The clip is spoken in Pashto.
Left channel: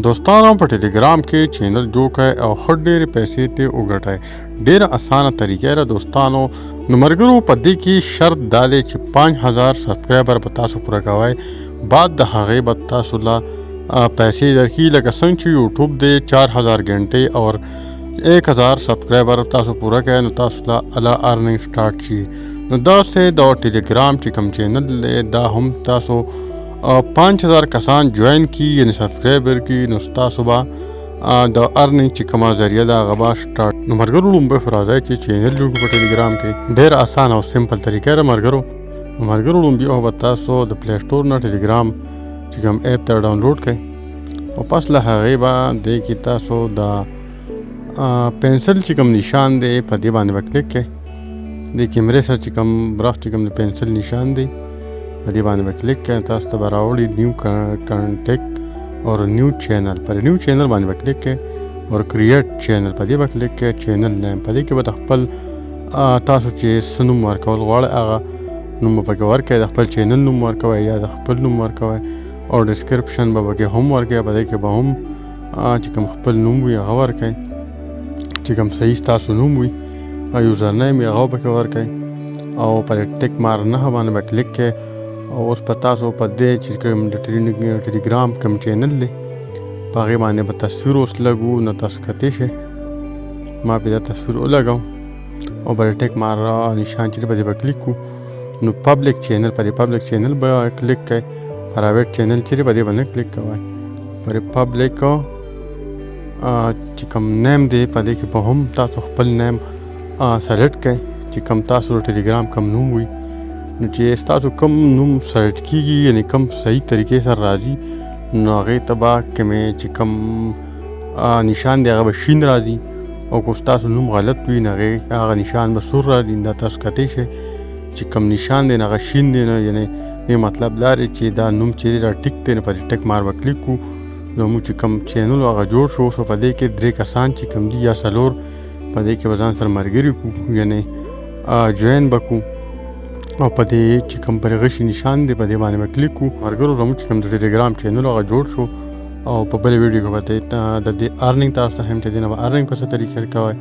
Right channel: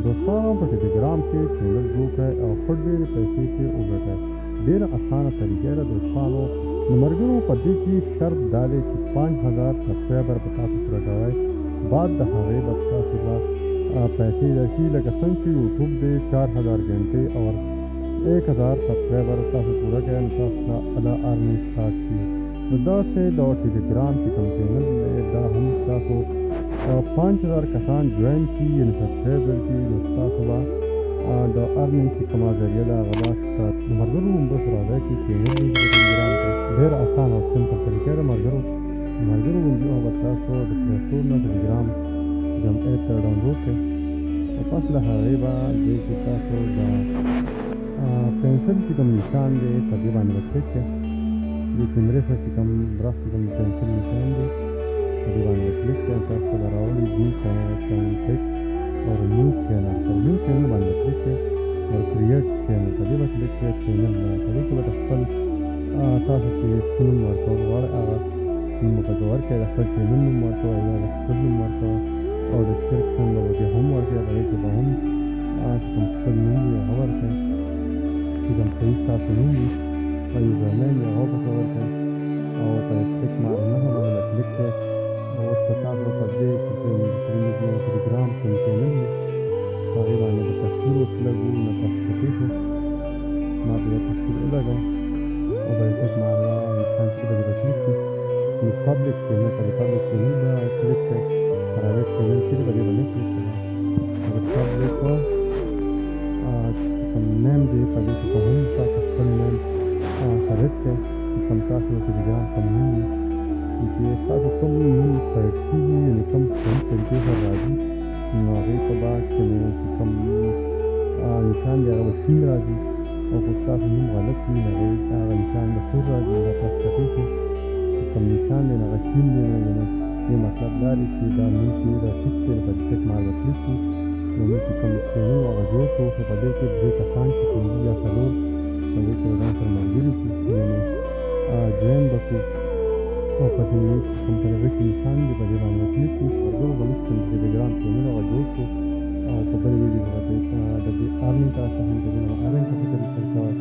دوستانو په ټلګرام کې چینل جوړ کړئ او ښه ډېرې پیسې ترې وګټئ. ډېره اسانه طریقه ده دوستانو. نو ملګرو په دې کې شرط دا دی چې 5000 سبسکرایبر به تاسو پوره کوئ. بعد د هغې به تاسو له پیسې درکړي، لکه څنګه چې یوټیوب دی 4000 घंटे اور 1000 سبسکرایبر تاسو پوره کړئ نو تاسو له الله ارننګ سټارټ شي. نو داسې د ټلګرام چې کوم چینل دی دا هم تاسو 5000 کسان جوائن کی یعنی سبسکرایبر کی نو تاسو به د ارننګ چې کومه ذریعه ده هغه به سټارټ. نو ملګرو لومړی خو راځئ چې چینل جوړ کړو په ټلګرام کې. ډېر اسانه او سمپل طریقه ده ملګرو. لومړی خو به تاسو د پلی سټور نه ټلګرام چې کوم ایپ ته ډاونلوډ کړئ او پس له هغې به دې کې تاسو د پنسل چې کوم نشان دی په دې باندې به کلیک کړئ. د کیمرې سره چې کوم برخ چې کوم د پنسل نشان دی په دې باندې به کلیک کړئ. تاسو ته به راوړي نیو کانټیکټ اور نیو چینل. پر نیو چینل باندې به کلیک کړئ اور کریټ چینل په دې به کلیک کړئ. چینل نیم په دې کې به د خپل تاسو چې څه نوم ورکول غواړئ هغه نوم به پکې ورکړئ. د خپل چینل نوم ورکوئ یا د خپل نوم ورکوئ او ډسکرپشن به پکې هم ورکوئ. په دې کې به هم چې کوم خپل نوم وي هغه ورکوئ، چې کوم صحیح ستاسو نوم وي یوزر نیم یې هغه پکې ورکوئ او پر ټیک مار نه باندې به کلیک کړئ. او اوس په تاسو په دې چې کوم د ټلګرام کوم چینل دی په هغې باندې به تصویر اوس لګو نو تاسو کتلی شئ. ما پرې دا تصویر ولګوم او پر ټیک مار نشان چې په دې به کلیک کړو نو پبلیک چینل پر پبلیک چینل به کلیک کړئ. پرایویټ چینل چې په دې باندې کلیک کوئ. پر پبلیک چې کوم نیم دی په دې کې به هم تاسو خپل نیم سلیکټ کړئ چې کوم تاسو د ټلګرام کوم نوم وي. نو چې ستاسو کوم نوم سلیکټ کېږي یعنې کوم صحیح طریقې سره راځي نو هغې ته به کومې چې کوم نشان دی هغه به شین راځي او که ستاسو نوم غلط وي نو هغه نشان به سور راځي. دا تاسو کتی شئ چې کوم نشان دی نو هغه شین دی نو یعنې دې مطلب دا دی چې دا نوم چې دی دا ټیک دی نو په دې ټیک مار به کلیک کړو نو موږ چې کوم چینل هغه جوړ شو. اوس په دې کې 3 کسان چې کوم دي یا 4 په دې کې به ځان سره ملګري کړو یعنې جوین به کړو او په دې چې کوم پر غشي نشان دی په دې باندې به کلیک کړو. ملګرو زموږ چې کوم د ټلګرام چینل هغه جوړ شو او په بلې ویډیو کې به د دې ارننګ تاسو ته هم چې دی نو ارننګ په څه طریقې کوئ